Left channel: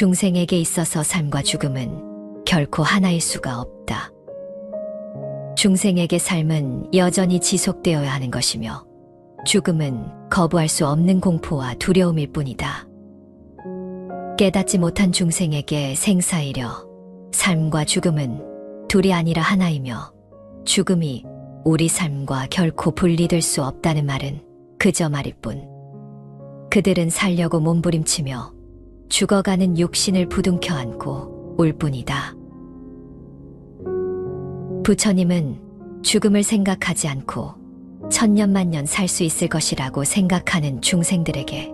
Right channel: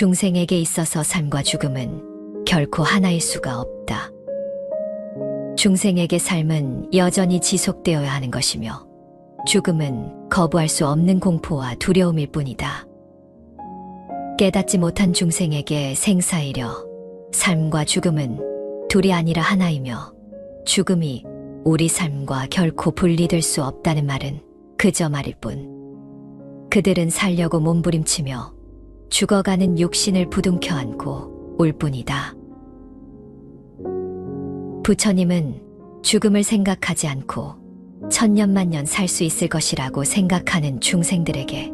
중생에게 있어서 삶과 죽음은 결코 하나일 수가 없다. 중생에게 삶은 여전히 지속되어야 하는 것이며 죽음은 거부할 수 없는 공포와 두려움일 뿐이다. 깨닫지 못한 중생에게 생사이령 삶과 죽음은 둘이 아니라 하나이며 죽음이 우리 삶과 결코 분리될 수 없다는 말은 그저 말일 뿐. 그들은 살려고 몸부림치며 죽어가는 육신을 부둥켜 안고 울 뿐이다. 부처님은 죽음을 생각하지 않고 천년만년 살 수 있을 것이라고 생각하는 중생들에게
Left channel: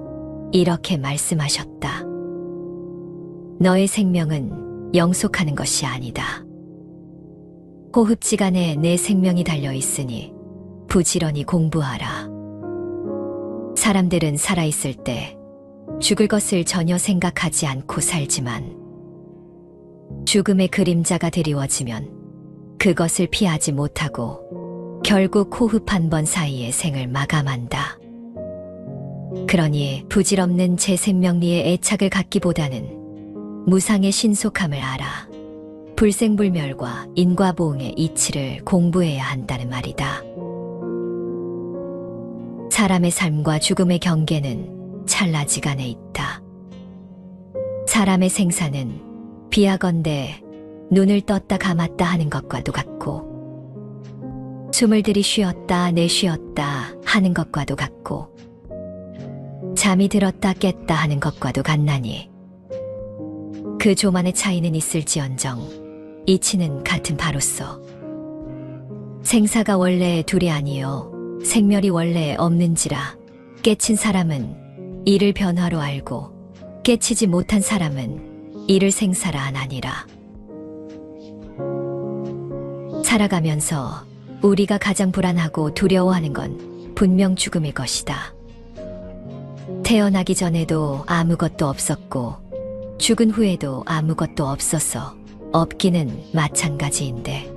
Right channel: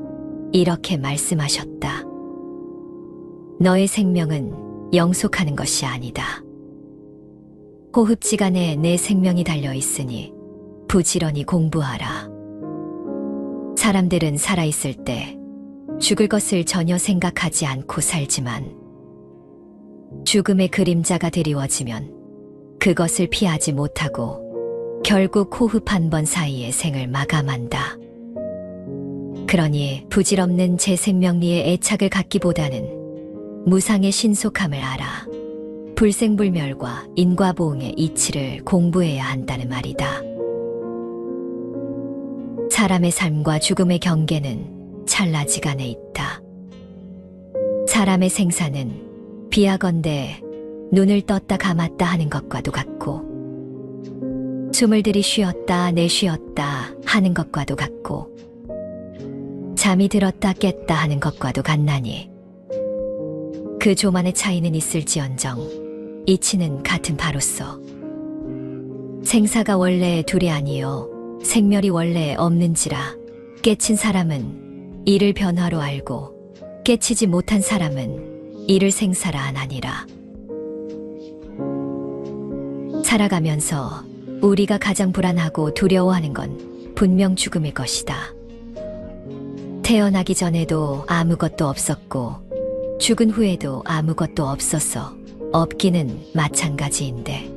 이렇게 말씀하셨다. 너의 생명은 영속하는 것이 아니다. 호흡지간에 내 생명이 달려있으니 부지런히 공부하라. 사람들은 살아있을 때 죽을 것을 전혀 생각하지 않고 살지만 죽음의 그림자가 드리워지면 그것을 피하지 못하고 결국 호흡 한 번 사이에 생을 마감한다. 그러니 부질없는 제 생명미에 애착을 갖기보다는 무상의 신속함을 알아 불생불멸과 인과보응의 이치를 공부해야 한다는 말이다. 사람의 삶과 죽음의 경계는 찰나지간에 있다. 사람의 생사는 비하건대 눈을 떴다 감았다 하는 것과도 같고 숨을 들이쉬었다 내쉬었다 하는 것과도 같고 잠이 들었다 깼다 하는 것과도 같나니 그 조만의 차이는 있을지언정 이치는 같은 바로소. 생사가 원래 둘이 아니요 생멸이 원래 없는지라 깨친 사람은 이를 변화로 알고 깨치지 못한 사람은 이를 생사라 안 하니라. 살아가면서 우리가 가장 불안하고 두려워하는 건 분명 죽음일 것이다. 태어나기 전에도 아무것도 없었고 죽은 후에도 아무것도 없어서 없기는 마찬가지인데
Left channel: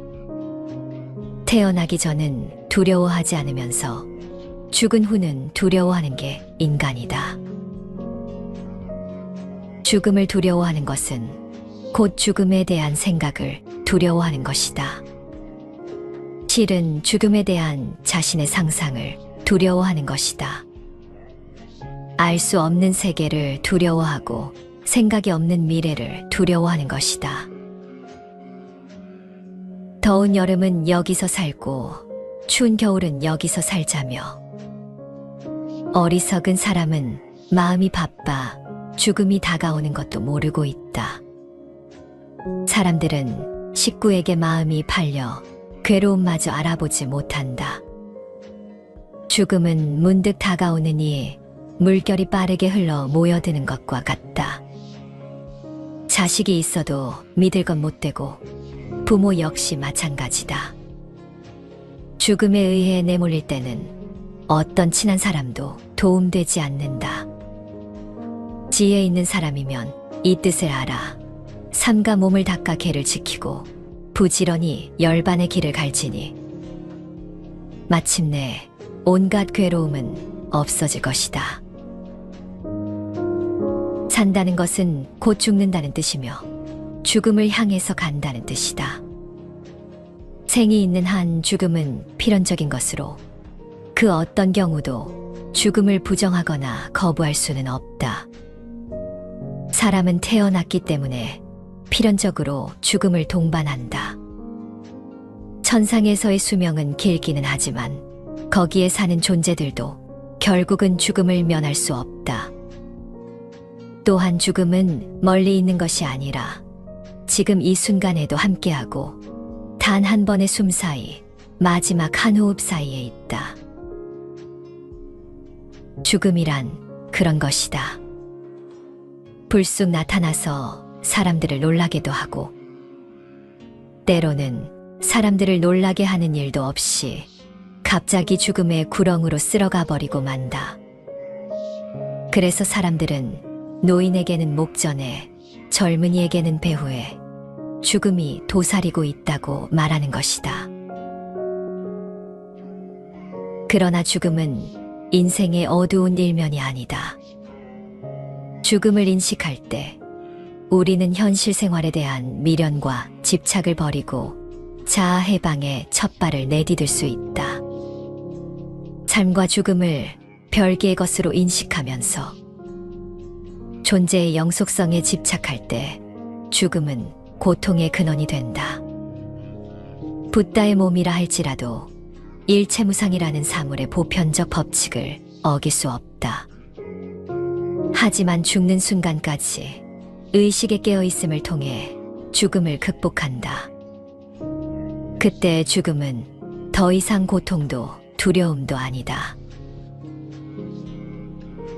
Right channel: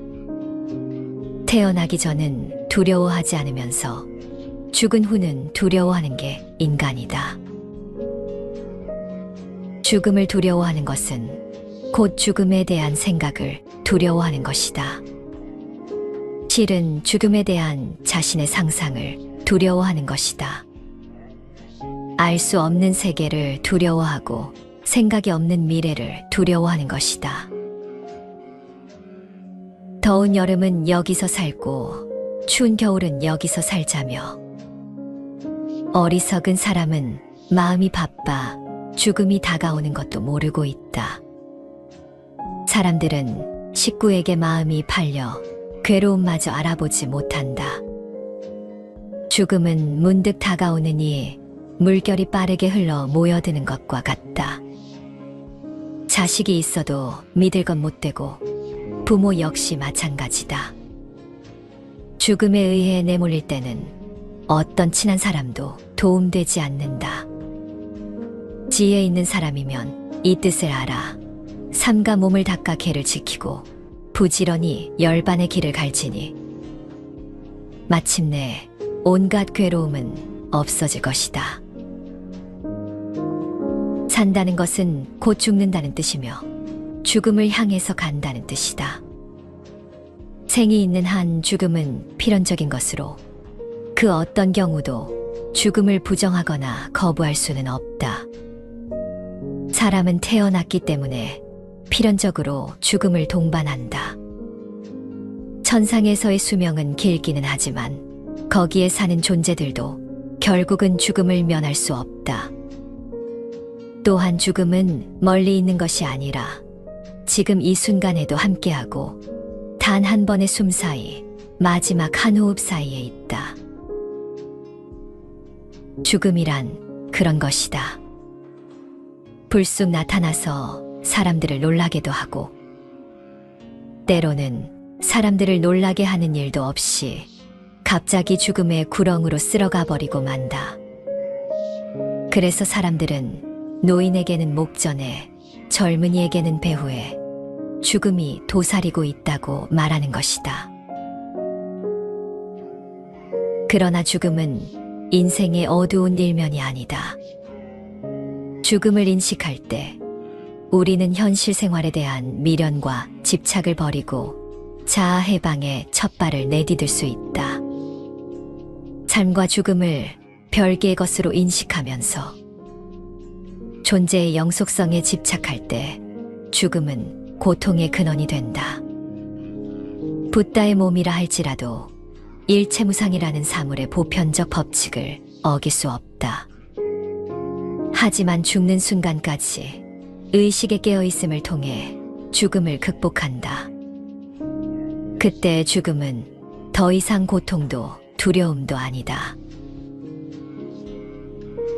태어나기 전은 두려워하지 않으면서 죽은 후는 두려워하는 게 인간이다. 죽음을 두려워하는 것은 곧 죽음에 대한 생각을 두려워하는 것이다. 실은 죽음에 대한 자신의 상상을 두려워하는 것이다. 알 수 없는 세계를 두려워하고 생각이 없는 미래를 두려워하는 것이다. 더운 여름은 여기서 살고 추운 겨울은 여기서 살자며 어리석은 사람은 마음이 바빠 죽음이 다가오는 것도 모르고 있다. 사람들은 식구에게 마음이 팔려 괴로움마저 알아보지 못한다. 죽음은 문득 다가오느니 물결이 빠르게 흘러 모여드는 것과 같다. 자식이 있어도 믿을 건 못되고 부모 역시 마찬가지다. 죽음에 의해 내몰릴 때는 어떤 친한 사람도 도움되지 않는다. 지혜 있는 사람이면 이 뜻을 알아 삼가 몸을 닦아 개를 지키고 부지런히 열반의 길을 갈지니 마침내 온갖 괴로움은 없어질 것이다. 산다는 것은 곧 죽는다는 뜻이며 죽음을 향해서 간다는 뜻이다. 생이 있는 한 죽음은 필연적인 것으로 그 어떤 경우도 죽음을 부정하거나 거부할 수는 없다. 사람은 태어났기 때문에 필연적으로 죽음을 동반한다. 천상에서의 수명은 길기는 하지만 거기에 사는 존재들도 결국은 죽음을 면할 수 없다. 또한 죽음은 멀리 있는 것이 아니라 지금 이 순간에도 함께하고 단 한 번의 숨 사이 마지막 한 호흡 사이에 있다. 죽음이란 그런 것이다. 불쑥 나타나서 사람들을 놀라게도 하고 때로는 사람들을 놀라게 하는 일도 없이 갑자기 죽음의 구렁으로 쓸어가 버리고 만다. 그래서 사람들은 노인에게는 목전에 젊은이에게는 배후에 죽음이 도사리고 있다고 말하는 것이다. 그러나 죽음은 인생의 어두운 일면이 아니다. 죽음을 인식할 때 우리는 현실 생활에 대한 미련과 집착을 버리고 자아 해방의 첫 발을 내디딜 수 있다. 삶과 죽음을 별개의 것으로 인식하면서 존재의 영속성에 집착할 때 죽음은 고통의 근원이 된다. 붓다의 몸이라 할지라도 일체무상이라는 사물의 보편적 법칙을 어길 수 없다. 하지만 죽는 순간까지 의식에 깨어있음을 통해 죽음을 극복한다. 그때 죽음은 더 이상 고통도 두려움도 아니다.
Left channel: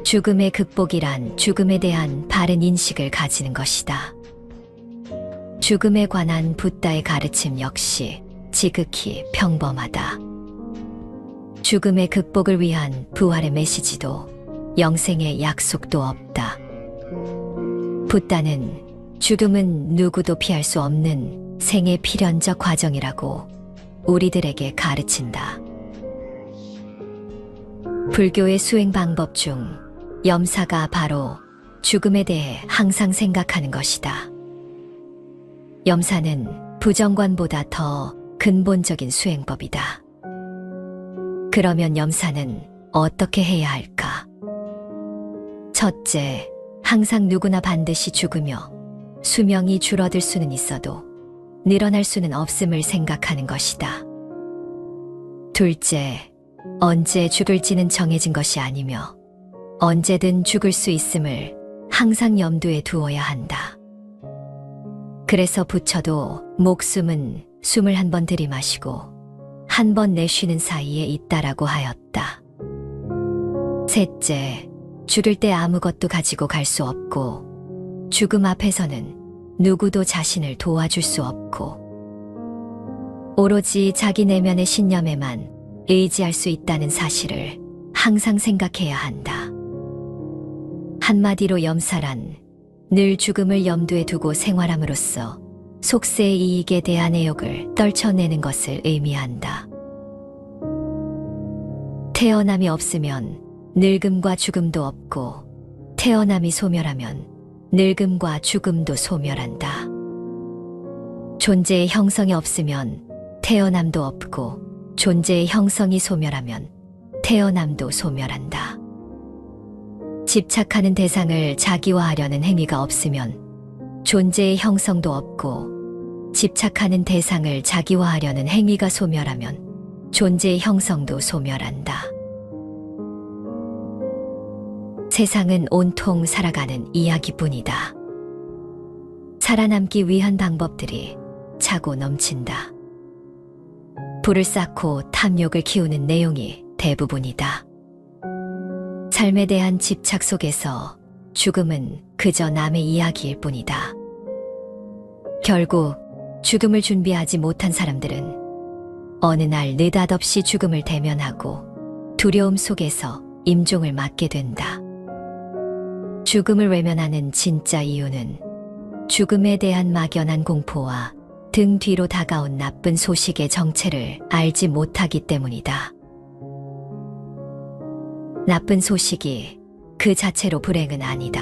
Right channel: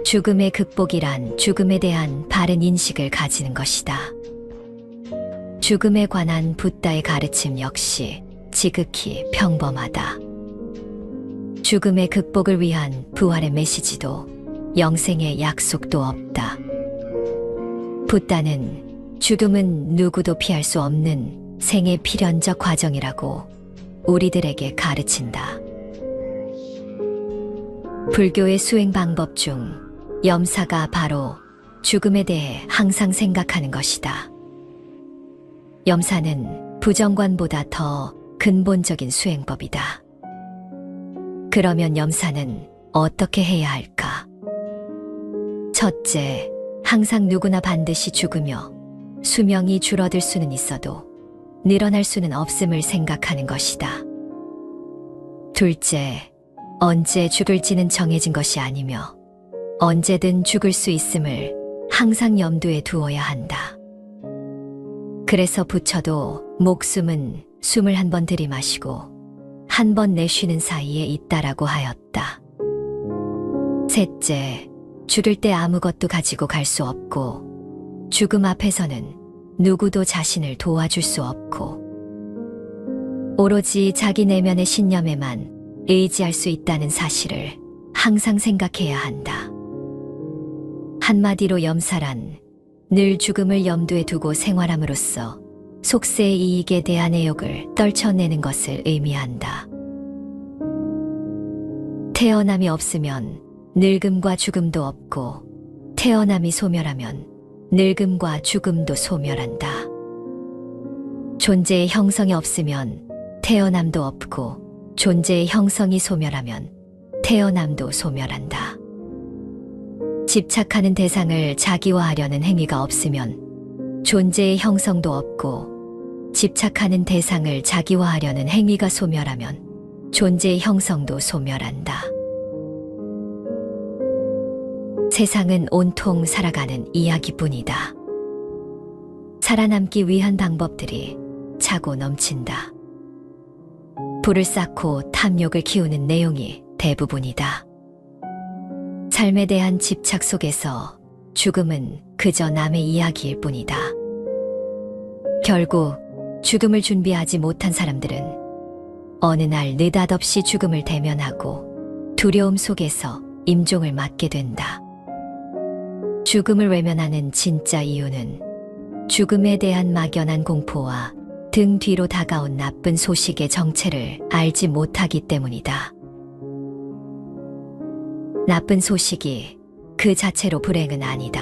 죽음의 극복이란 죽음에 대한 바른 인식을 가지는 것이다. 죽음에 관한 붓다의 가르침 역시 지극히 평범하다. 죽음의 극복을 위한 부활의 메시지도 영생의 약속도 없다. 붓다는 죽음은 누구도 피할 수 없는 생의 필연적 과정이라고 우리들에게 가르친다. 불교의 수행 방법 중 염사가 바로 죽음에 대해 항상 생각하는 것이다. 염사는 부정관보다 더 근본적인 수행법이다. 그러면 염사는 어떻게 해야 할까? 첫째, 항상 누구나 반드시 죽으며 수명이 줄어들 수는 있어도 늘어날 수는 없음을 생각하는 것이다. 둘째, 언제 죽을지는 정해진 것이 아니며 언제든 죽을 수 있음을 항상 염두에 두어야 한다. 그래서 부처도 목숨은 숨을 한 번 들이마시고 한 번 내쉬는 사이에 있다라고 하였다. 셋째, 죽을 때 아무것도 가지고 갈 수 없고 죽음 앞에서는 누구도 자신을 도와줄 수 없고 오로지 자기 내면의 신념에만 의지할 수 있다는 사실을 항상 생각해야 한다. 한마디로 염사란 늘 죽음을 염두에 두고 생활함으로써 속세의 이익에 대한 애욕을 떨쳐내는 것을 의미한다. 태어남이 없으면 늙음과 죽음도 없고 태어남이 소멸하면 늙음과 죽음도 소멸한다. 존재의 형성이 없으면 태어남도 없고 존재의 형성이 소멸하면 태어남도 소멸한다. 집착하는 대상을 자기화하려는 행위가 없으면 존재의 형성도 없고 집착하는 대상을 자기화하려는 행위가 소멸하면 존재의 형성도 소멸한다. 세상은 온통 살아가는 이야기뿐이다. 살아남기 위한 방법들이 차고 넘친다. 불을 쌓고 탐욕을 키우는 내용이 대부분이다. 삶에 대한 집착 속에서 죽음은 그저 남의 이야기일 뿐이다. 결국 죽음을 준비하지 못한 사람들은 어느 날 느닷없이 죽음을 대면하고 두려움 속에서 임종을 맞게 된다. 죽음을 외면하는 진짜 이유는 죽음에 대한 막연한 공포와 등 뒤로 다가온 나쁜 소식의 정체를 알지 못하기 때문이다. 나쁜 소식이 그 자체로 불행은 아니다.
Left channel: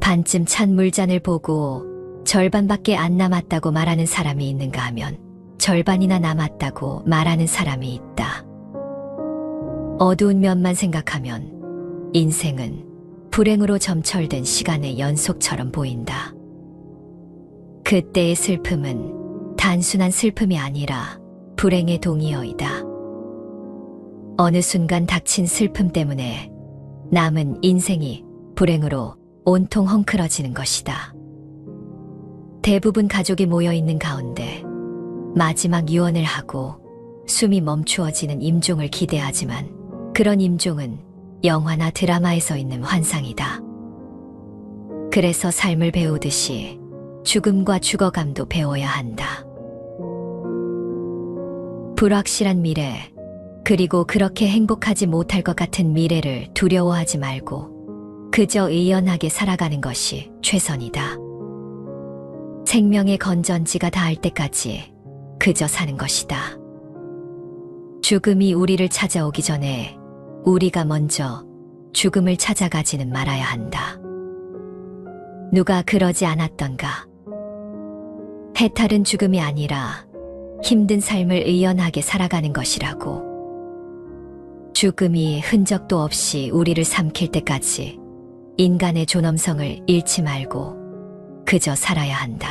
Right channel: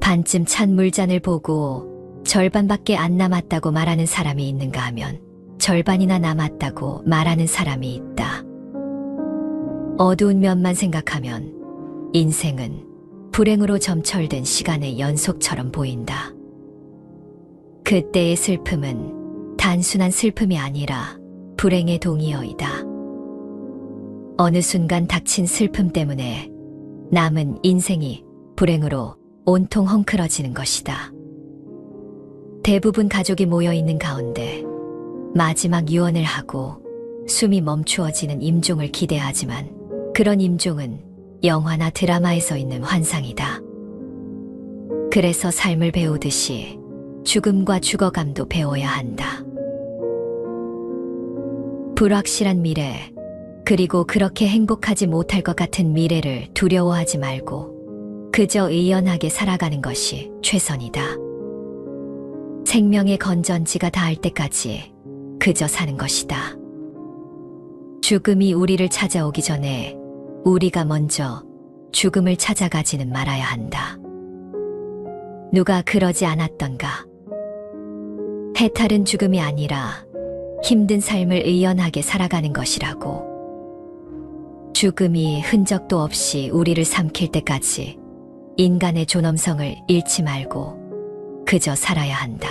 반쯤 찬 물잔을 보고 절반밖에 안 남았다고 말하는 사람이 있는가 하면 절반이나 남았다고 말하는 사람이 있다. 어두운 면만 생각하면 인생은 불행으로 점철된 시간의 연속처럼 보인다. 그때의 슬픔은 단순한 슬픔이 아니라 불행의 동의어이다. 어느 순간 닥친 슬픔 때문에 남은 인생이 불행으로 온통 헝클어지는 것이다. 대부분 가족이 모여있는 가운데 마지막 유언을 하고 숨이 멈추어지는 임종을 기대하지만 그런 임종은 영화나 드라마에서 있는 환상이다. 그래서 삶을 배우듯이 죽음과 죽어감도 배워야 한다. 불확실한 미래, 그리고 그렇게 행복하지 못할 것 같은 미래를 두려워하지 말고 그저 의연하게 살아가는 것이 최선이다. 생명의 건전지가 닿을 때까지 그저 사는 것이다. 죽음이 우리를 찾아오기 전에 우리가 먼저 죽음을 찾아가지는 말아야 한다. 누가 그러지 않았던가. 해탈은 죽음이 아니라 힘든 삶을 의연하게 살아가는 것이라고. 죽음이 흔적도 없이 우리를 삼킬 때까지 인간의 존엄성을 잃지 말고 그저 살아야 한다.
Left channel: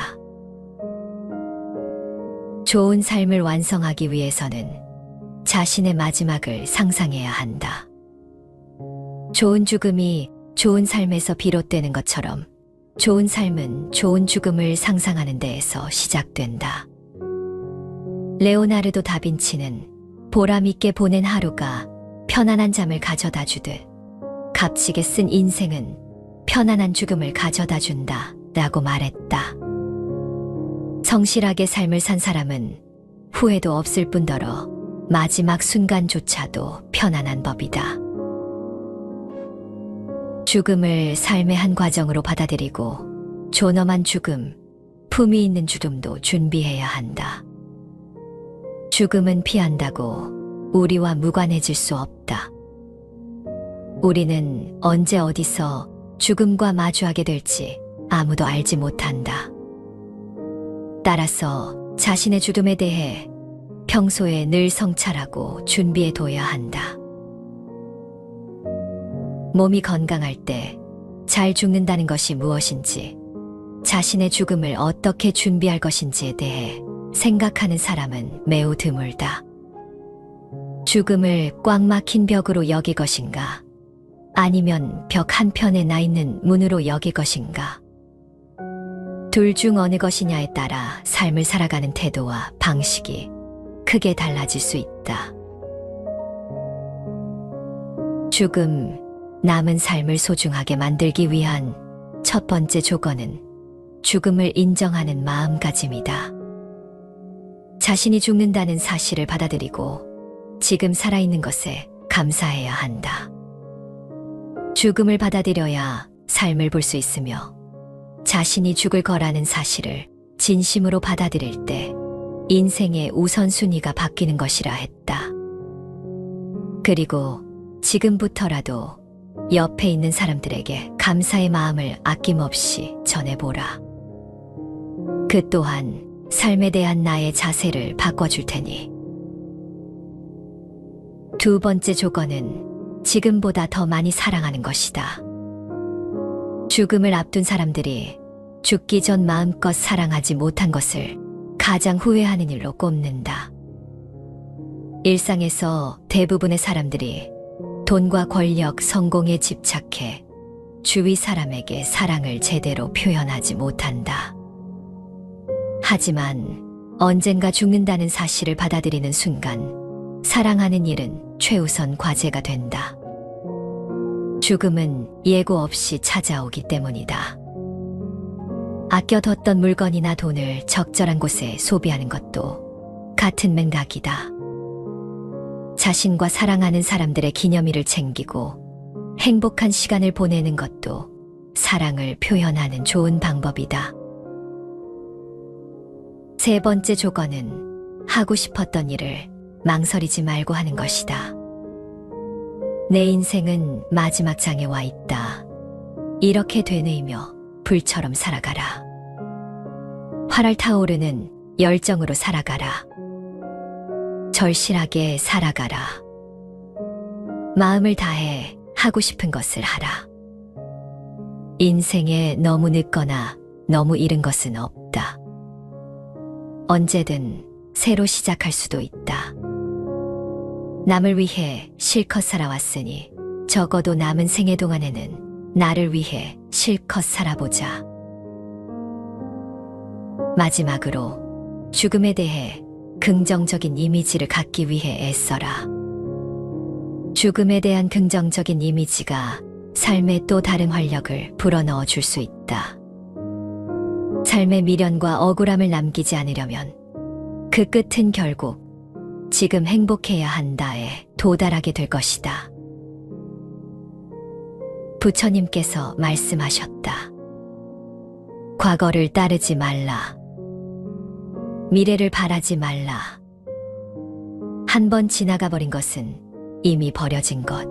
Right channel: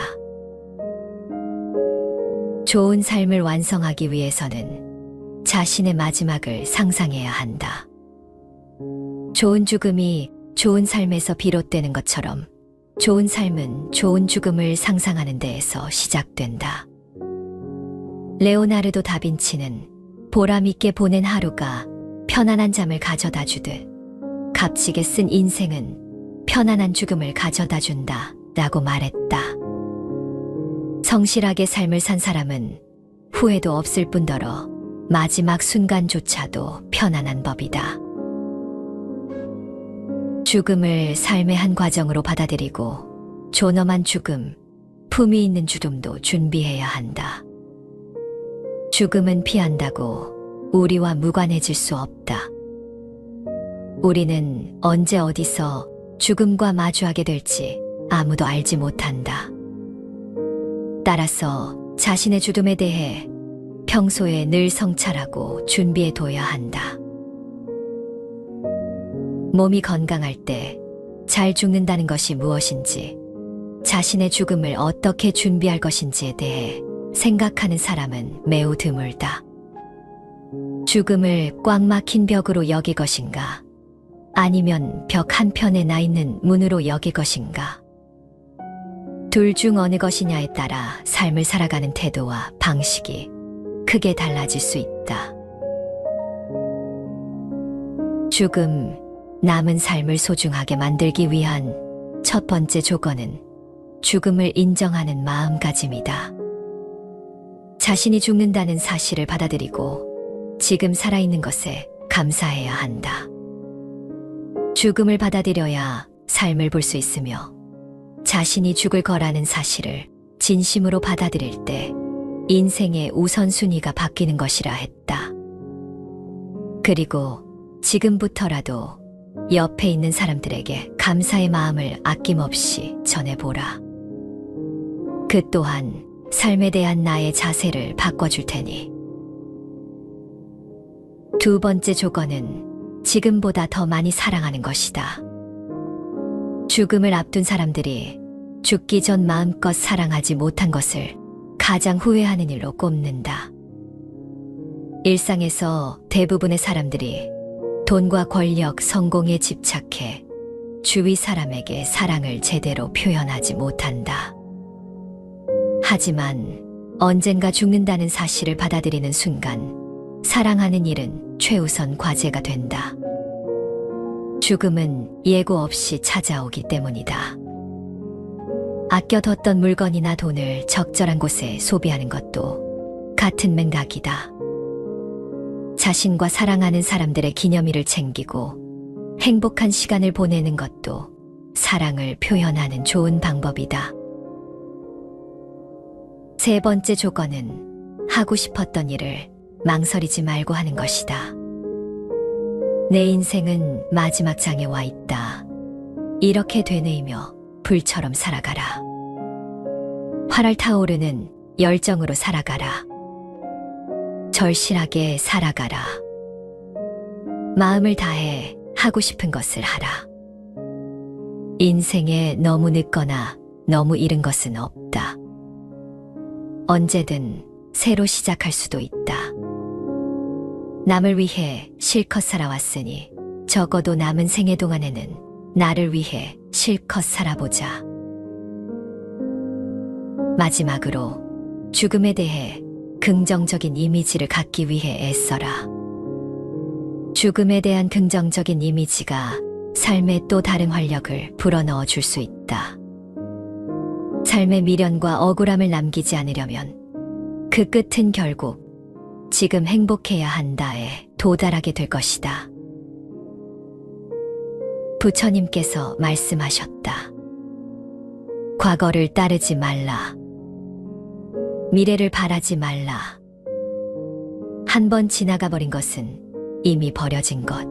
좋은 삶을 완성하기 위해서는 자신의 마지막을 상상해야 한다. 좋은 죽음이 좋은 삶에서 비롯되는 것처럼 좋은 삶은 좋은 죽음을 상상하는 데에서 시작된다. 레오나르도 다빈치는 보람있게 보낸 하루가 편안한 잠을 가져다 주듯 값지게 쓴 인생은 편안한 죽음을 가져다 준다 라고 말했다. 성실하게 삶을 산 사람은 후회도 없을 뿐더러 마지막 순간조차도 편안한 법이다. 죽음을 삶의 한 과정으로 받아들이고 존엄한 죽음, 품위 있는 죽음도 준비해야 한다. 죽음은 피한다고 우리와 무관해질 수 없다. 우리는 언제 어디서 죽음과 마주하게 될지 아무도 알지 못한다. 따라서 자신의 죽음에 대해 평소에 늘 성찰하고 준비해둬야 한다. 몸이 건강할 때 잘 죽는다는 것이 무엇인지, 자신의 죽음을 어떻게 준비할 것인지에 대해 생각하는 사람은 매우 드물다. 죽음을 꽉 막힌 벽으로 여길 것인가? 아니면 벽 한편에 나 있는 문으로 여길 것인가? 둘 중 어느 것이냐에 따라 삶을 살아가는 태도와 방식이 크게 달라질 수 있다. 죽음, 남은 삶을 소중하게 만들기 위한 첫 번째 조건은 죽음을 인정하는 마음가짐이다. 자신이 죽는다는 사실을 받아들이고 지금 살아있는 것에 감사해야 한다. 죽음을 받아들여야 삶을 볼 수 있으며 자신이 죽을 거라는 사실을 진심으로 받아들일 때 인생의 우선순위가 바뀌는 것이라 했다. 그리고 지금부터라도 옆에 있는 사람들에게 감사의 마음을 아낌없이 전해보라. 그 또한 삶에 대한 나의 자세를 바꿔줄 테니. 두 번째 조건은 지금보다 더 많이 사랑하는 것이다. 죽음을 앞둔 사람들이 죽기 전 마음껏 사랑하지 못한 것을 가장 후회하는 일로 꼽는다. 일상에서 대부분의 사람들이 돈과 권력, 성공에 집착해 주위 사람에게 사랑을 제대로 표현하지 못한다. 하지만 언젠가 죽는다는 사실을 받아들이는 순간 사랑하는 일은 최우선 과제가 된다. 죽음은 예고 없이 찾아오기 때문이다. 아껴뒀던 물건이나 돈을 적절한 곳에 소비하는 것도 같은 맥락이다. 자신과 사랑하는 사람들의 기념일을 챙기고 행복한 시간을 보내는 것도 사랑을 표현하는 좋은 방법이다. 세 번째 조건은 하고 싶었던 일을 망설이지 말고 하는 것이다. 내 인생은 마지막 장에 와 있다. 이렇게 되뇌이며 불처럼 살아가라. 활활 타오르는 열정으로 살아가라. 절실하게 살아가라. 마음을 다해 하고 싶은 것을 하라. 인생에 너무 늦거나 너무 이른 것은 없다. 언제든 새로 시작할 수도 있다. 남을 위해 실컷 살아왔으니 적어도 남은 생애 동안에는 나를 위해 실컷 살아보자. 마지막으로 죽음에 대해 긍정적인 이미지를 갖기 위해 애써라. 죽음에 대한 긍정적인 이미지가 삶에 또 다른 활력을 불어넣어 줄 수 있다. 삶의 미련과 억울함을 남기지 않으려면 그 끝은 결국 지금 행복해야 한다에 도달하게 될 것이다. 부처님께서 말씀하셨다. 과거를 따르지 말라. 미래를 바라지 말라. 한 번 지나가 버린 것은 이미 버려진 것.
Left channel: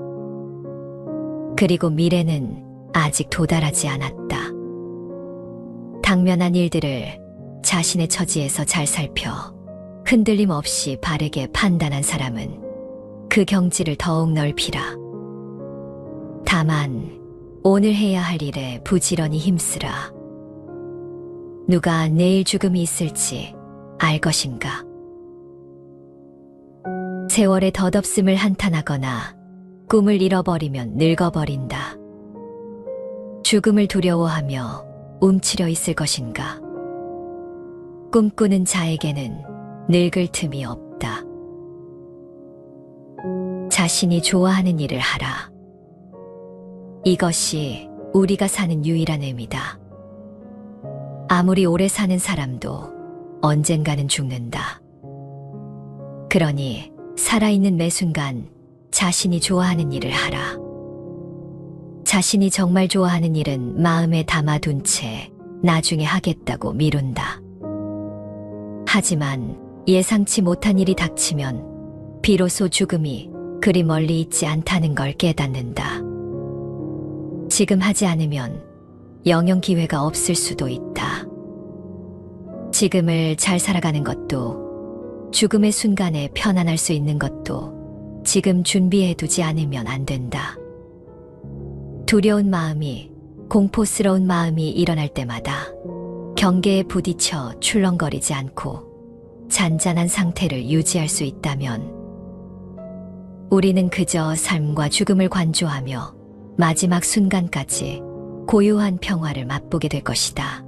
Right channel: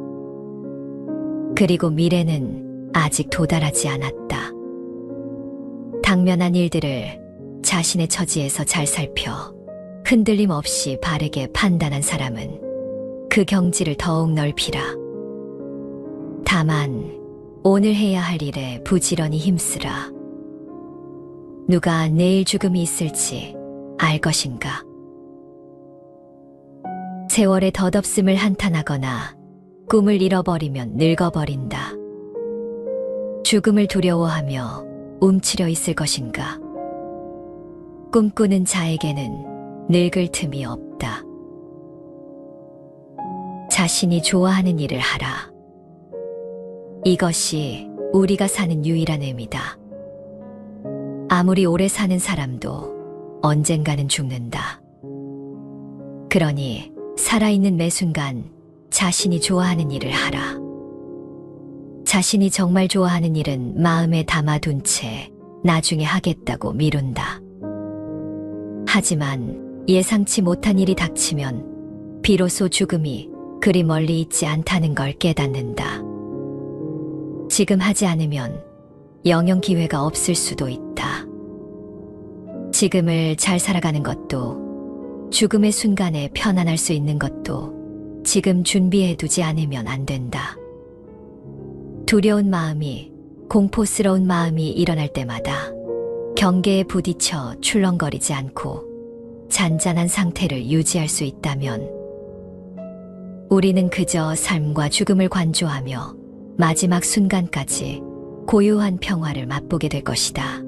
그리고 미래는 아직 도달하지 않았다. 당면한 일들을 자신의 처지에서 잘 살펴 흔들림 없이 바르게 판단한 사람은 그 경지를 더욱 넓히라. 다만 오늘 해야 할 일에 부지런히 힘쓰라. 누가 내일 죽음이 있을지 알 것인가? 세월의 덧없음을 한탄하거나 꿈을 잃어버리면 늙어버린다. 죽음을 두려워하며 움츠려 있을 것인가? 꿈꾸는 자에게는 늙을 틈이 없다. 자신이 좋아하는 일을 하라. 이것이 우리가 사는 유일한 의미다. 아무리 오래 사는 사람도 언젠가는 죽는다. 그러니 살아있는 매 순간 자신이 좋아하는 일을 하라. 자신이 정말 좋아하는 일은 마음에 담아둔 채 나중에 하겠다고 미룬다. 하지만 예상치 못한 일이 닥치면 비로소 죽음이 그리 멀리 있지 않다는 걸 깨닫는다. 지금 하지 않으면 영영 기회가 없을 수도 있다. 지금을 잘 살아가는 것도 죽음의 순간에 편안할 수 있는 것도 지금 준비해두지 않으면 안 된다. 두려운 마음이, 공포스러운 마음이 일어날 때마다 경계에 부딪혀 출렁거리지 않고 잔잔한 상태를 유지할 수 있다면 우리는 그저 삶과 죽음을 관조하며 마지막 순간까지 고요한 평화를 맛보게 될 것이다.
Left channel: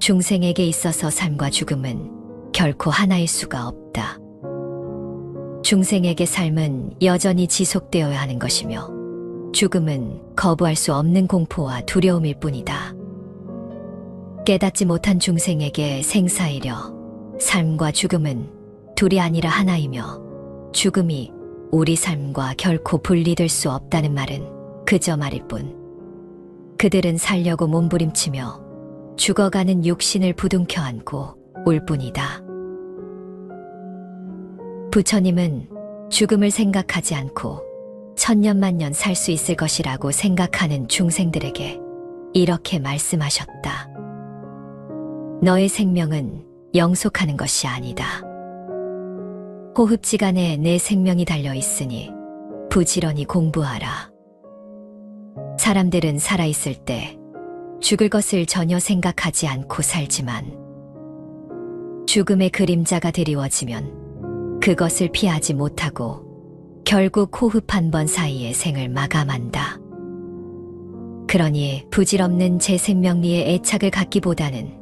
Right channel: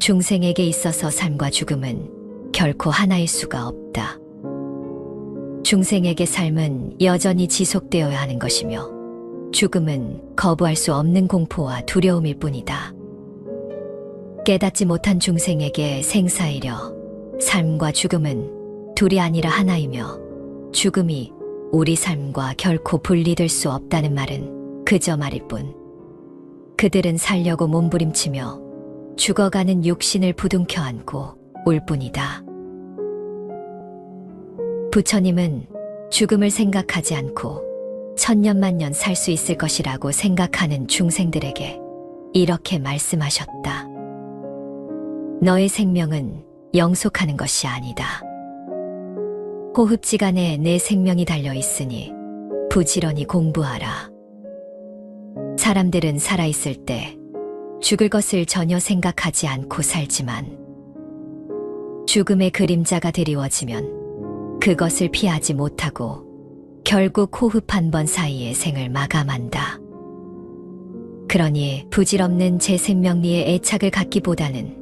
중생에게 있어서 삶과 죽음은 결코 하나일 수가 없다. 중생에게 삶은 여전히 지속되어야 하는 것이며 죽음은 거부할 수 없는 공포와 두려움일 뿐이다. 깨닫지 못한 중생에게 생사이려 삶과 죽음은 둘이 아니라 하나이며 죽음이 우리 삶과 결코 분리될 수 없다는 말은 그저 말일 뿐. 그들은 살려고 몸부림치며 죽어가는 육신을 부둥켜 안고 올 뿐이다. 부처님은 죽음을 생각하지 않고 천년만년 살 수 있을 것이라고 생각하는 중생들에게 이렇게 말씀하셨다. 너의 생명은 영속하는 것이 아니다. 호흡지간에 내 생명이 달려있으니 부지런히 공부하라. 사람들은 살아있을 때 죽을 것을 전혀 생각하지 않고 살지만 죽음의 그림자가 드리워지면 그것을 피하지 못하고 결국 호흡 한 번 사이에 생을 마감한다. 그러니 부질없는 제 생명리에 애착을 갖기보다는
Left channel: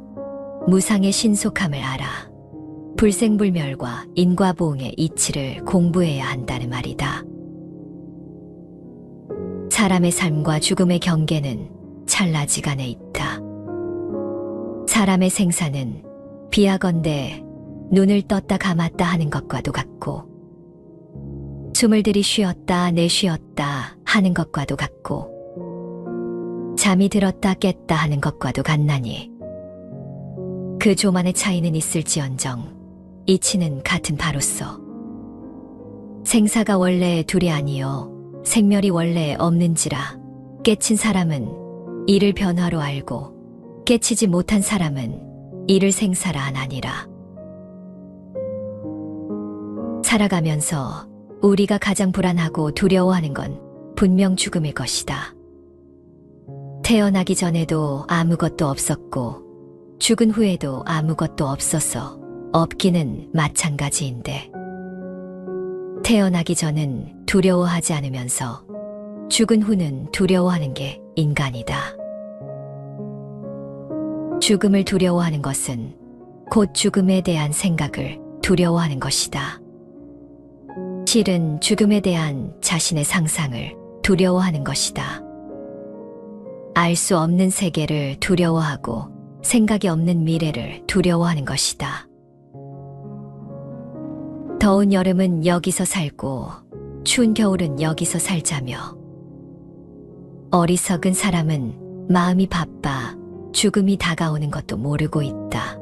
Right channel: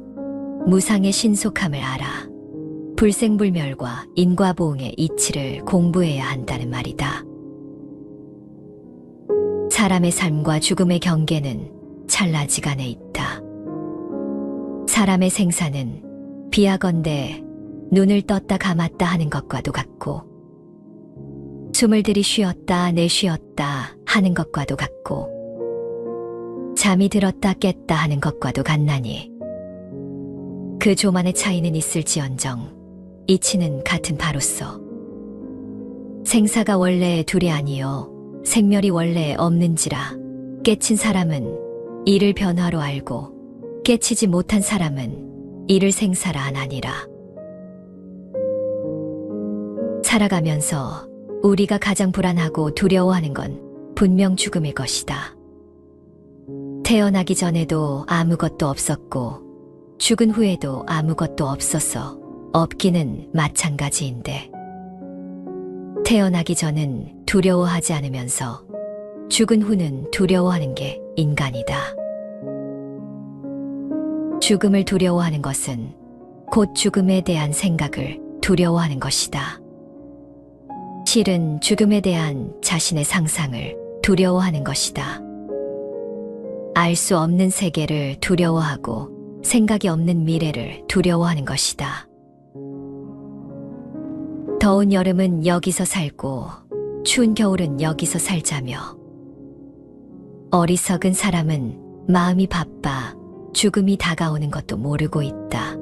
무상의 신속함을 알아 불생불멸과 인과보응의 이치를 공부해야 한다는 말이다. 사람의 삶과 죽음의 경계는 찰나지간에 있다. 사람의 생사는 비하건대 눈을 떴다 감았다 하는 것과도 같고 숨을 들이쉬었다 내쉬었다 하는 것과도 같고 잠이 들었다 깼다 하는 것과도 같나니 그 조만의 차이는 있을지언정 이치는 같은 바로서 생사가 원래 둘이 아니요 생멸이 원래 없는지라 깨친 사람은 이를 변화로 알고 깨치지 못한 사람은 이를 생사라 안 하니라. 살아가면서 우리가 가장 불안하고 두려워하는 건 분명 죽음일 것이다. 태어나기 전에도 아무것도 없었고 죽은 후에도 아무것도 없어서 없기는 마찬가지인데 태어나기 전은 두려워하지 않으면서 죽은 후는 두려워하는 게 인간이다. 죽음을 두려워하는 것은 곧 죽음에 대한 생각을 두려워하는 것이다. 실은 죽음에 대한 자신의 상상을 두려워하는 것이다. 알 수 없는 세계를 두려워하고 생각이 없는 미래를 두려워하는 것이다. 더운 여름은 여기서 살고 추운 겨울은 여기서 살자며 어리석은 사람은 마음이 바빠 죽음이 다가오는 것도 모르고 있다.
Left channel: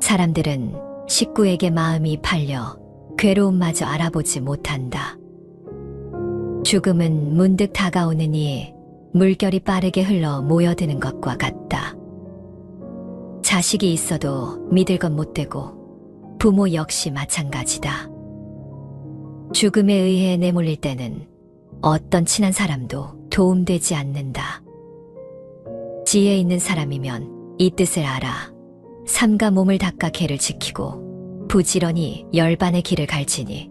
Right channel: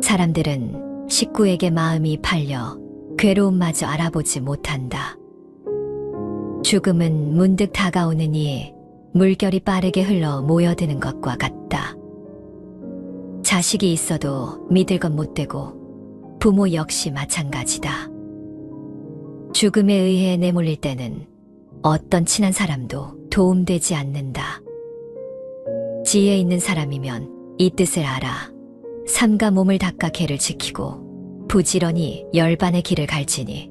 사람들은 식구에게 마음이 팔려 괴로움마저 알아보지 못한다. 죽음은 문득 다가오느니 물결이 빠르게 흘러 모여드는 것과 같다. 자식이 있어도 믿을 것 못되고 부모 역시 마찬가지다. 죽음에 의해 내몰릴 때는 어떤 친한 사람도 도움되지 않는다. 지혜 있는 사람이면 이 뜻을 알아 삼가 몸을 닦아 개를 지키고 부지런히 열반의 길을 갈지니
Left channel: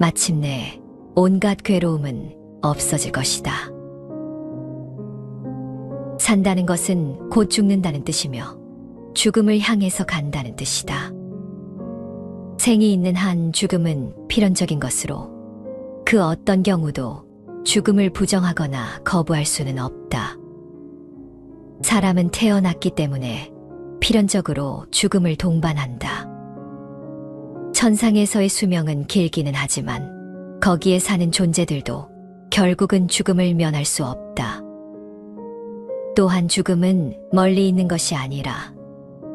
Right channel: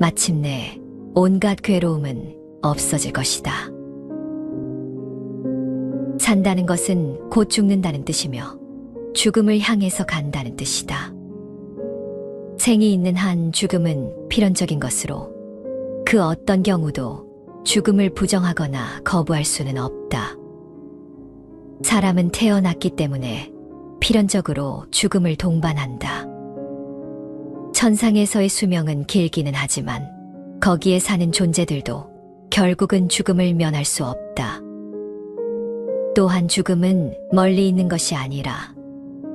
마침내 온갖 괴로움은 없어질 것이다. 산다는 것은 곧 죽는다는 뜻이며 죽음을 향해서 간다는 뜻이다. 생이 있는 한 죽음은 필연적인 것으로 그 어떤 경우도 죽음을 부정하거나 거부할 수는 없다. 사람은 태어났기 때문에 필연적으로 죽음을 동반한다. 천상에서의 수명은 길기는 하지만 거기에 사는 존재들도 결국은 죽음을 면할 수 없다. 또한 죽음은 멀리 있는 것이 아니라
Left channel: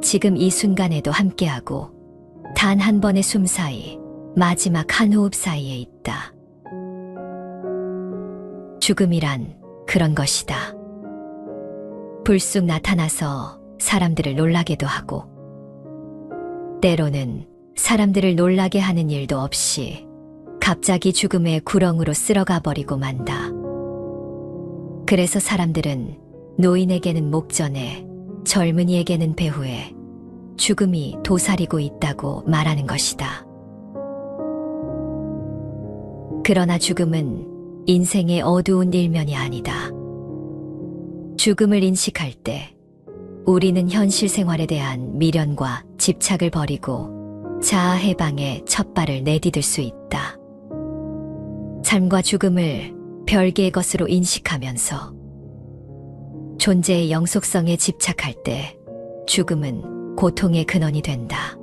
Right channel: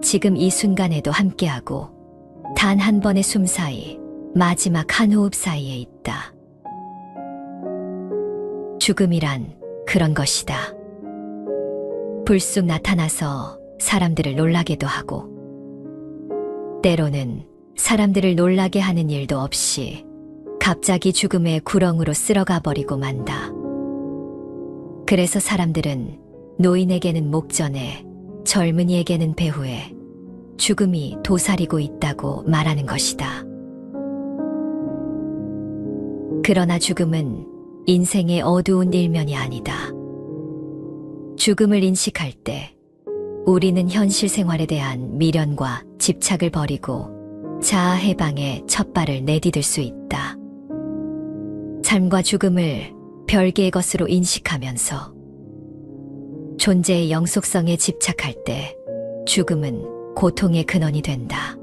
지금 이 순간에도 함께하고 단 한 번의 숨 사이, 마지막 한 호흡 사이에 있다. 죽음이란 그런 것이다. 불쑥 나타나서 사람들을 놀라게도 하고 때로는 사람들을 놀라게 하는 일도 없이 갑자기 죽음의 구렁으로 쓸어가 버리고 만다. 그래서 사람들은 노인에게는 목전에, 젊은이에게는 배후에 죽음이 도사리고 있다고 말하는 것이다. 그러나 죽음은 인생의 어두운 일면이 아니다. 죽음을 인식할 때 우리는 현실 생활에 대한 미련과 집착을 버리고 자아 해방의 첫 발을 내디딜 수 있다. 삶과 죽음을 별개의 것으로 인식하면서 존재의 영속성에 집착할 때 죽음은 고통의 근원이 된다.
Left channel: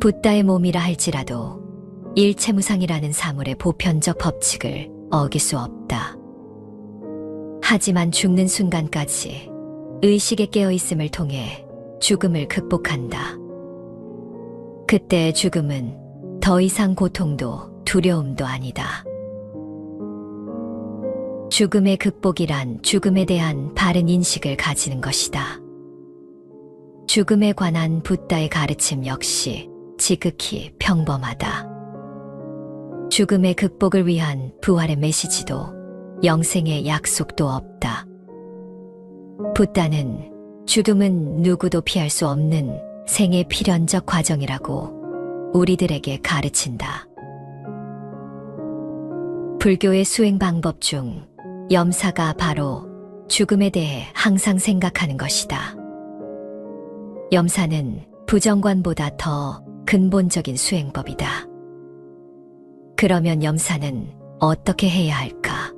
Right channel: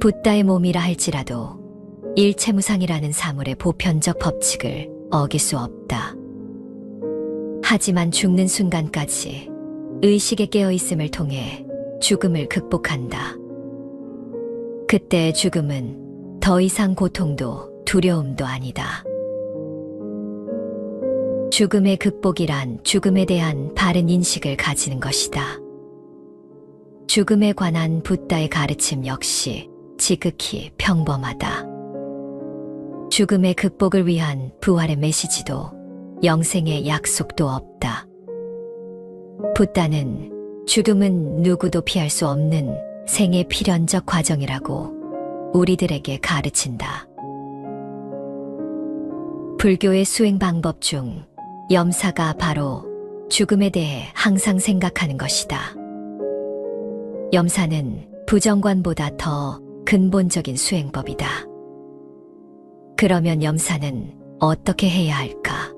붓다의 몸이라 할지라도 일체무상이라는 사물의 보편적 법칙을 어길 수 없다. 하지만 죽는 순간까지 의식에 깨어있음을 통해 죽음을 극복한다. 그때의 죽음은 더 이상 고통도 두려움도 아니다. 죽음의 극복이란 죽음에 대한 바른 인식을 가지는 것이다. 죽음에 관한 붓다의 가르침 역시 지극히 평범하다. 죽음의 극복을 위한 부활의 메시지도 영생의 약속도 없다. 붓다는 죽음은 누구도 피할 수 없는 생의 필연적 과정이라고 우리들에게 가르친다. 불교의 수행 방법 중 염사가 바로 죽음에 대해 항상 생각하는 것이다. 염사는 부정관보다 더 근본적인 수행법이다. 그러면 염사는 어떻게 해야 할까?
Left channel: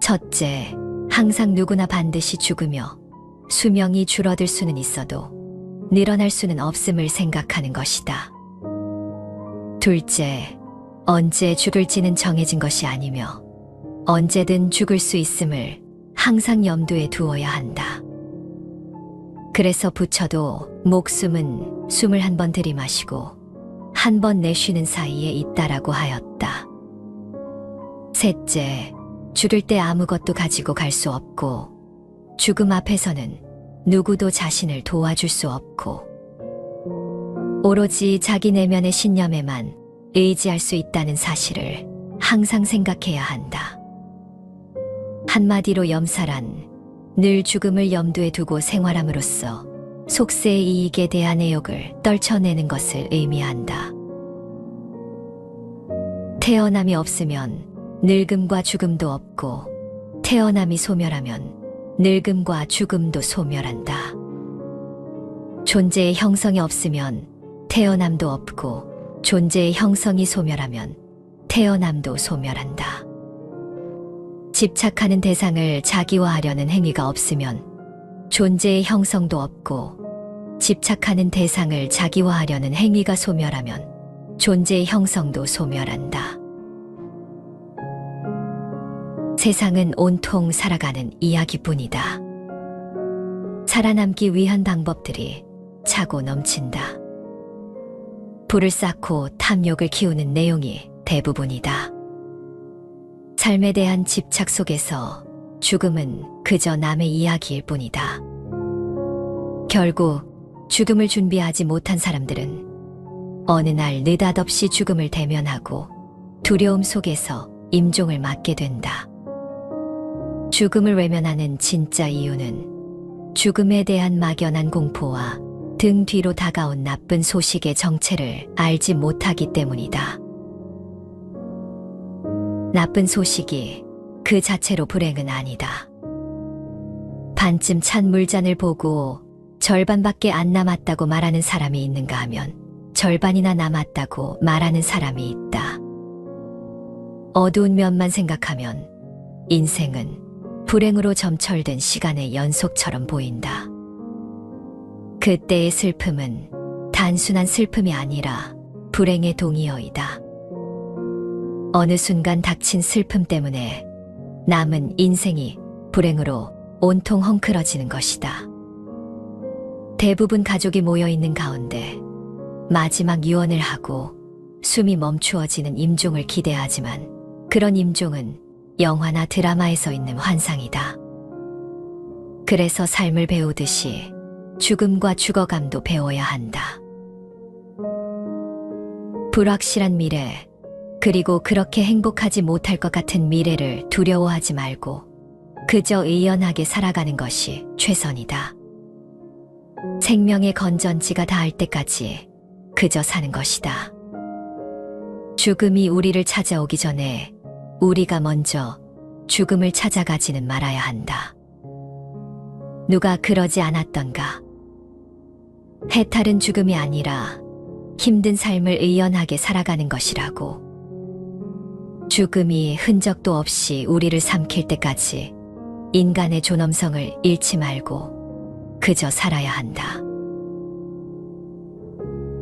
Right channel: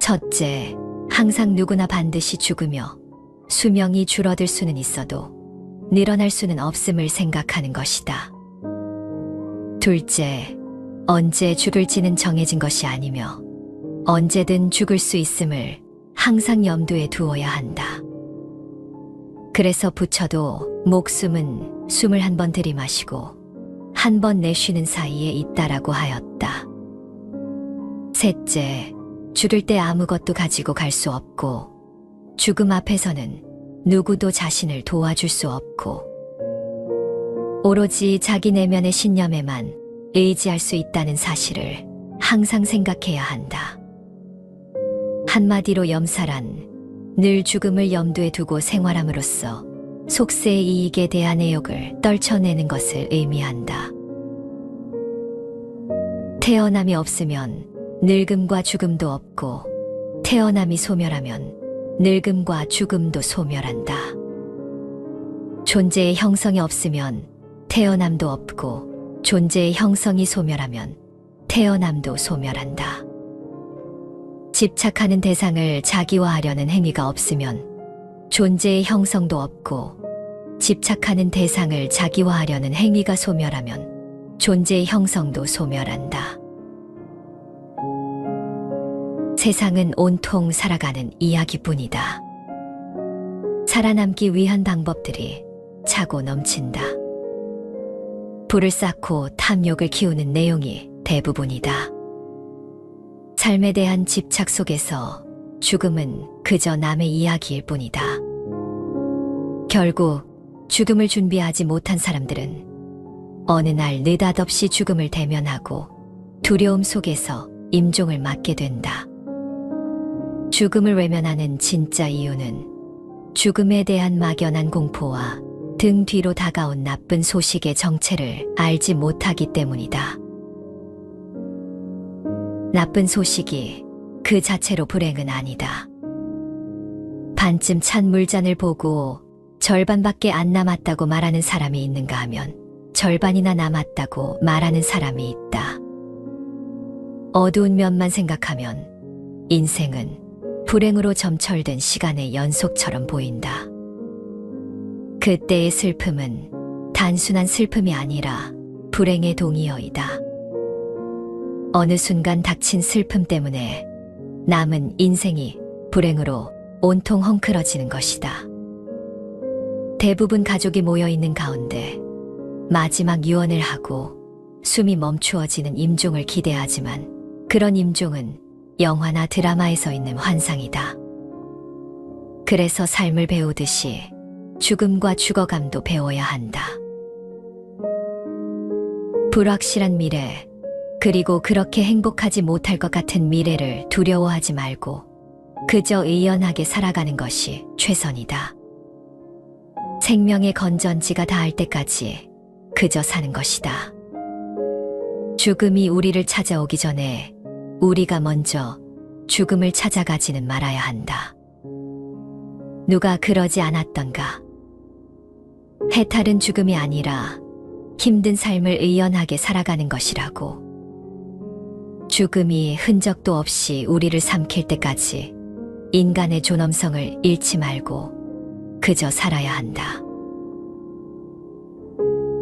첫째, 항상 누구나 반드시 죽으며 수명이 줄어들 수는 있어도 늘어날 수는 없음을 생각하는 것이다. 둘째, 언제 죽을지는 정해진 것이 아니며 언제든 죽을 수 있음을 항상 염두에 두어야 한다. 그래서 부처도 목숨은 숨을 한 번 들이마시고 한 번 내쉬는 사이에 있다라고 하였다. 셋째, 죽을 때 아무것도 가지고 갈 수 없고 죽음 앞에서는 누구도 자신을 도와줄 수 없고 오로지 자기 내면의 신념에만 의지할 수 있다는 사실을 항상 생각해야 한다. 한마디로 염사란 늘 죽음을 염두에 두고 생활함으로써 속세의 이익에 대한 애욕을 떨쳐내는 것을 의미한다. 태어남이 없으면 늙음과 죽음도 없고 태어남이 소멸하면 늙음과 죽음도 소멸한다. 존재의 형성이 없으면 태어남도 없고 존재의 형성이 소멸하면 태어남도 소멸한다. 집착하는 대상을 자기화하려는 행위가 없으면 존재의 형성도 없고 집착하는 대상을 자기화하려는 행위가 소멸하면 존재의 형성도 소멸한다. 세상은 온통 살아가는 이야기뿐이다. 살아남기 위한 방법들이 차고 넘친다. 불을 쌓고 탐욕을 키우는 내용이 대부분이다. 삶에 대한 집착 속에서 죽음은 그저 남의 이야기일 뿐이다. 결국 죽음을 준비하지 못한 사람들은 어느 날 느닷없이 죽음을 대면하고 두려움 속에서 임종을 맞게 된다. 죽음을 외면하는 진짜 이유는 죽음에 대한 막연한 공포와 등 뒤로 다가온 나쁜 소식의 정체를 알지 못하기 때문이다. 나쁜 소식이 그 자체로 불행은 아니다. 반쯤 찬 물잔을 보고 절반밖에 안 남았다고 말하는 사람이 있는가 하면 절반이나 남았다고 말하는 사람이 있다. 어두운 면만 생각하면 인생은 불행으로 점철된 시간의 연속처럼 보인다. 그때의 슬픔은 단순한 슬픔이 아니라 불행의 동의어이다. 어느 순간 닥친 슬픔 때문에 남은 인생이 불행으로 온통 헝클어지는 것이다. 대부분 가족이 모여있는 가운데 마지막 유언을 하고 숨이 멈추어지는 임종을 기대하지만 그런 임종은 영화나 드라마에서 있는 환상이다. 그래서 삶을 배우듯이 죽음과 죽어감도 배워야 한다. 불확실한 미래, 그리고 그렇게 행복하지 못할 것 같은 미래를 두려워하지 말고 그저 의연하게 살아가는 것이 최선이다. 생명의 건전지가 닿을 때까지 그저 사는 것이다. 죽음이 우리를 찾아오기 전에 우리가 먼저 죽음을 찾아가지는 말아야 한다. 누가 그러지 않았던가? 해탈은 죽음이 아니라 힘든 삶을 의연하게 살아가는 것이라고. 죽음이 흔적도 없이 우리를 삼킬 때까지 인간의 존엄성을 잃지 말고 그저 살아야 한다.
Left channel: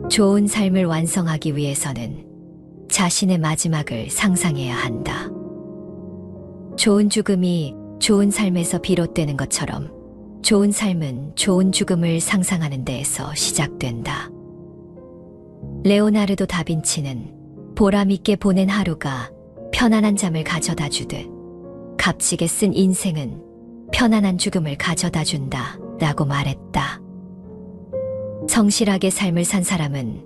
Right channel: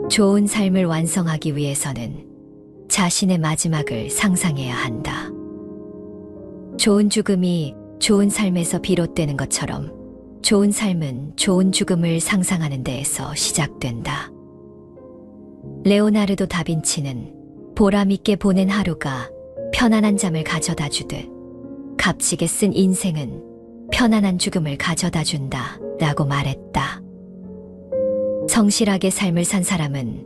좋은 삶을 완성하기 위해서는 자신의 마지막을 상상해야 한다. 좋은 죽음이 좋은 삶에서 비롯되는 것처럼 좋은 삶은 좋은 죽음을 상상하는 데에서 시작된다. 레오나르도 다빈치는 보람있게 보낸 하루가 편안한 잠을 가져다 주듯 값지게 쓴 인생은 편안한 죽음을 가져다 준다 라고 말했다. 성실하게 삶을 산 사람은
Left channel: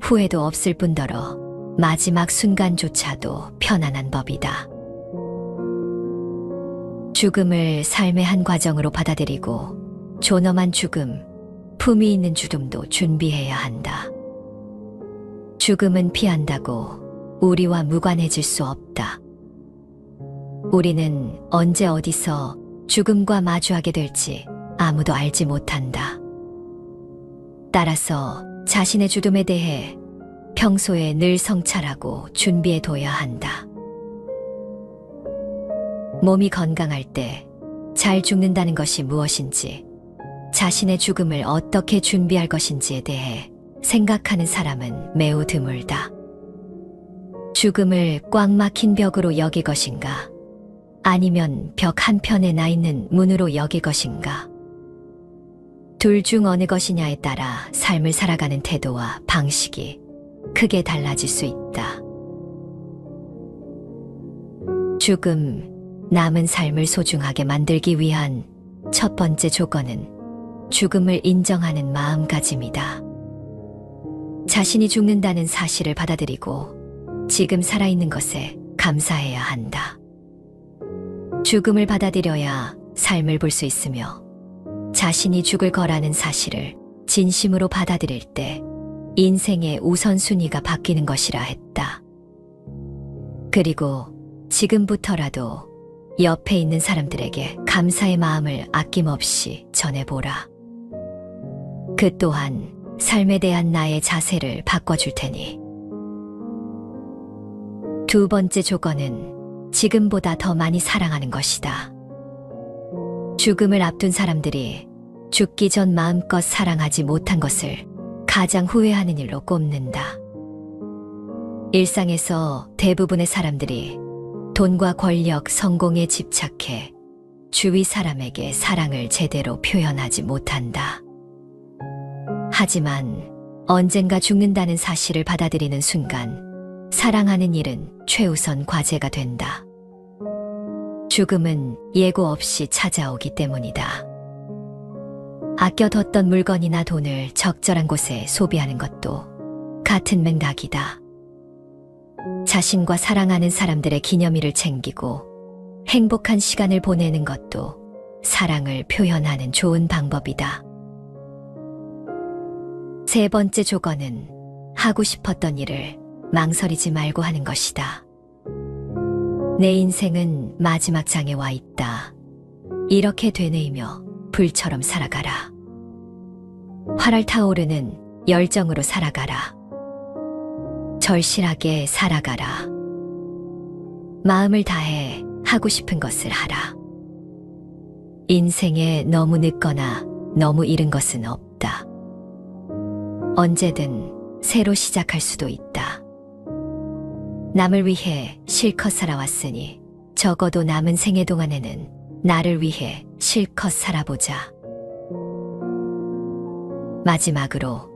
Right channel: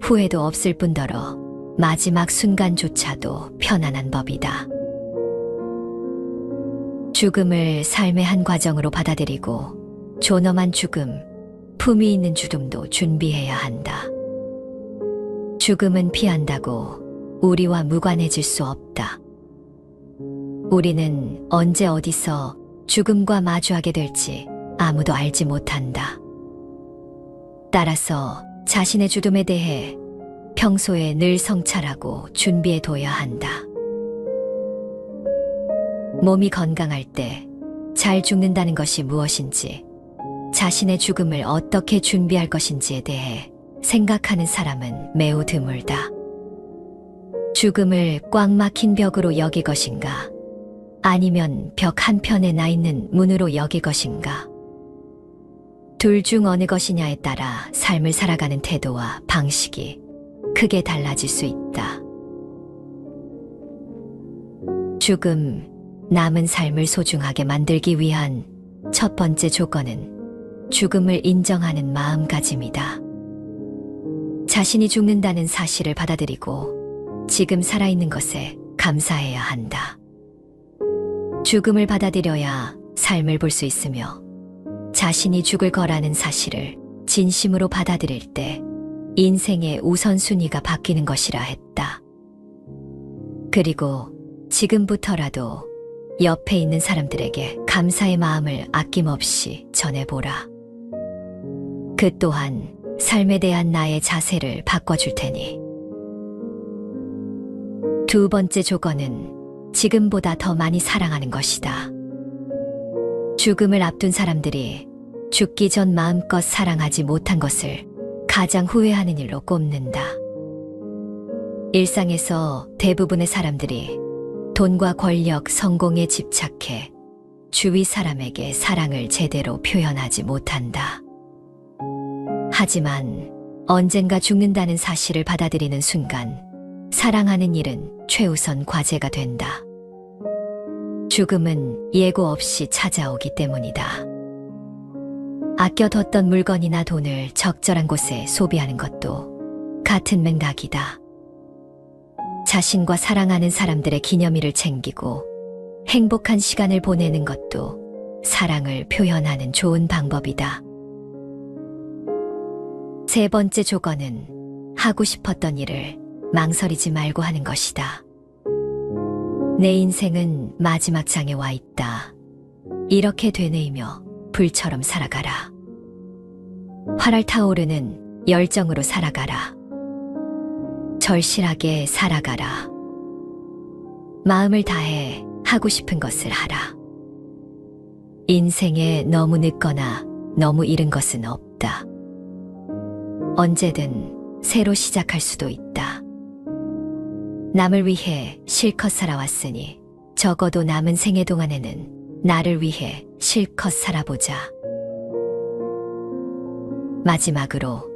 후회도 없을 뿐더러 마지막 순간조차도 편안한 법이다. 죽음을 삶의 한 과정으로 받아들이고 존엄한 죽음, 품위 있는 죽음도 준비해야 한다. 죽음은 피한다고 우리와 무관해질 수 없다. 우리는 언제 어디서 죽음과 마주하게 될지 아무도 알지 못한다. 따라서 자신의 죽음에 대해 평소에 늘 성찰하고 준비해둬야 한다. 몸이 건강할 때 잘 죽는다는 것이 무엇인지, 자신의 죽음을 어떻게 준비할 것인지에 대해 생각하는 사람은 매우 드물다. 죽음을 꽉 막힌 벽으로 여길 것인가, 아니면 벽 한편에 나 있는 문으로 여길 것인가. 둘 중 어느 것이냐에 따라 삶을 살아가는 태도와 방식이 크게 달라질 수 있다. 죽음, 남은 삶을 소중하게 만들기 위한 첫 번째 조건은 죽음을 인정하는 마음가짐이다. 자신이 죽는다는 사실을 받아들이고 지금 살아있는 것에 감사해야 한다. 죽음을 받아들여야 삶을 볼 수 있으며 자신이 죽을 거라는 사실을 진심으로 받아들일 때 인생의 우선순위가 바뀌는 것이라 했다. 그리고 지금부터라도 옆에 있는 사람들에게 감사의 마음을 아낌없이 전해보라. 그 또한 삶에 대한 나의 자세를 바꿔줄 테니. 두 번째 조건은 지금보다 더 많이 사랑하는 것이다. 죽음을 앞둔 사람들이 죽기 전 마음껏 사랑하지 못한 것을 가장 후회하는 일로 꼽는다. 일상에서 대부분의 사람들이 돈과 권력, 성공에 집착해 주위 사람에게 사랑을 제대로 표현하지 못한다. 하지만 언젠가 죽는다는 사실을 받아들이는 순간 사랑하는 일은 최우선 과제가 된다. 죽음은 예고 없이 찾아오기 때문이다. 아껴뒀던 물건이나 돈을 적절한 곳에 소비하는 것도 같은 맥락이다. 자신과 사랑하는 사람들의 기념일을 챙기고 행복한 시간을 보내는 것도 사랑을 표현하는 좋은 방법이다. 세 번째 조건은 하고 싶었던 일을 망설이지 말고 하는 것이다. 내 인생은 마지막 장에 와 있다. 이렇게 되뇌이며 불처럼 살아가라. 활활 타오르는 열정으로 살아가라. 절실하게 살아가라. 마음을 다해 하고 싶은 것을 하라. 인생에 너무 늦거나 너무 이른 것은 없다. 언제든 새로 시작할 수도 있다. 남을 위해 실컷 살아왔으니 적어도 남은 생애 동안에는 나를 위해 실컷 살아보자. 마지막으로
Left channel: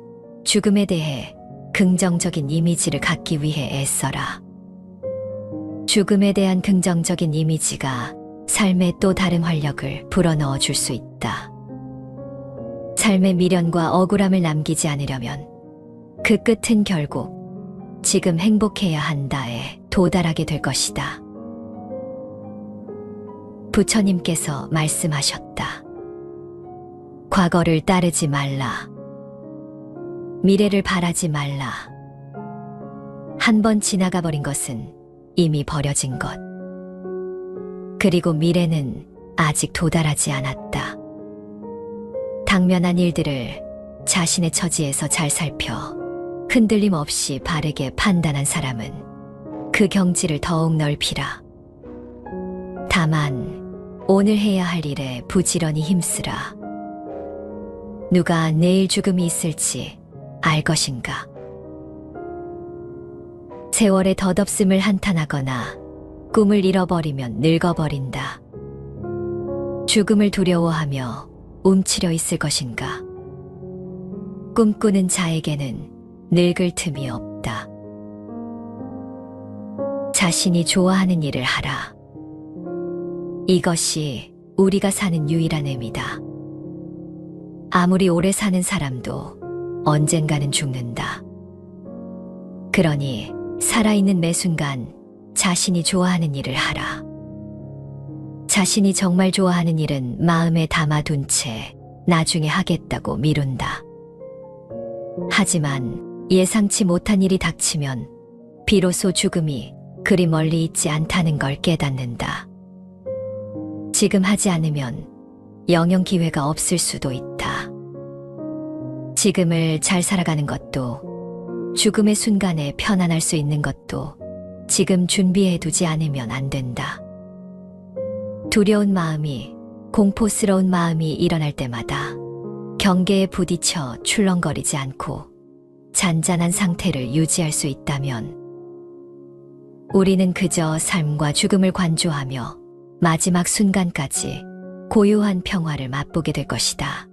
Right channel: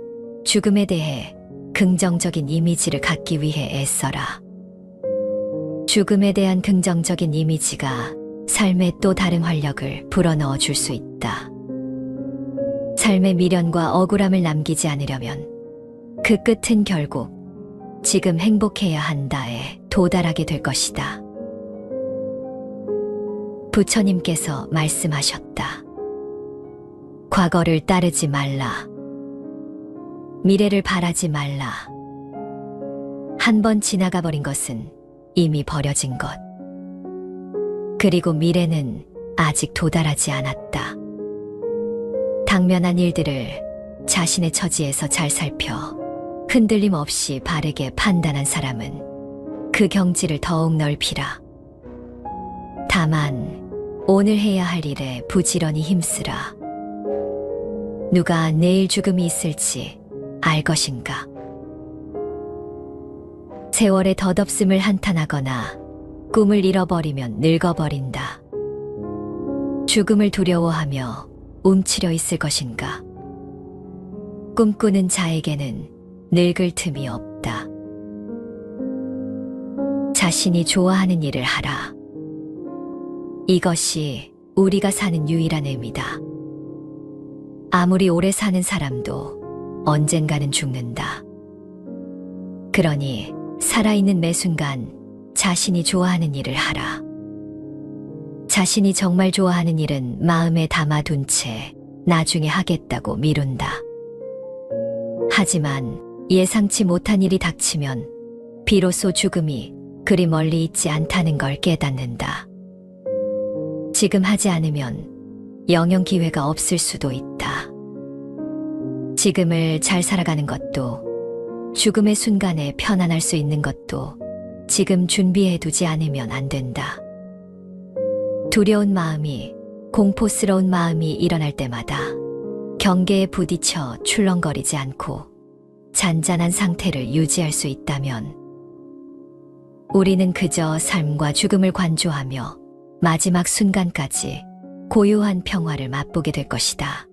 죽음에 대해 긍정적인 이미지를 갖기 위해 애써라. 죽음에 대한 긍정적인 이미지가 삶에 또 다른 활력을 불어넣어 줄 수 있다. 삶의 미련과 억울함을 남기지 않으려면 그 끝은 결국 지금 행복해야 한다에 도달하게 될 것이다. 부처님께서 말씀하셨다. 과거를 따르지 말라. 미래를 바라지 말라. 한 번 지나가 버린 것은 이미 버려진 것. 그리고 미래는 아직 도달하지 않았다. 당면한 일들을 자신의 처지에서 잘 살펴 흔들림 없이 바르게 판단한 사람은 그 경지를 더욱 넓히라. 다만 오늘 해야 할 일에 부지런히 힘쓰라. 누가 내일 죽음이 있을지 알 것인가? 세월의 덧없음을 한탄하거나 꿈을 잃어버리면 늙어버린다. 죽음을 두려워하며 움츠려 있을 것인가? 꿈꾸는 자에게는 늙을 틈이 없다. 자신이 좋아하는 일을 하라. 이것이 우리가 사는 유일한 의미다. 아무리 오래 사는 사람도 언젠가는 죽는다. 그러니 살아있는 매 순간 자신이 좋아하는 일을 하라. 자신이 정말 좋아하는 일은 마음에 담아둔 채 나중에 하겠다고 미룬다. 하지만 예상치 못한 일이 닥치면 비로소 죽음이 그리 멀리 있지 않다는 걸 깨닫는다. 지금 하지 않으면 영영 기회가 없을 수도 있다. 지금을 잘 살아가는 것도 죽음의 순간에 편안할 수 있는 것도 지금 준비해두지 않으면 안 된다. 두려운 마음이, 공포스러운 마음이 일어날 때마다 경계에 부딪혀 출렁거리지 않고 잔잔한 상태를 유지할 수 있다면 우리는 그저 삶과 죽음을 관조하며 마지막 순간까지 고요한 평화를 맛보게 될 것이다.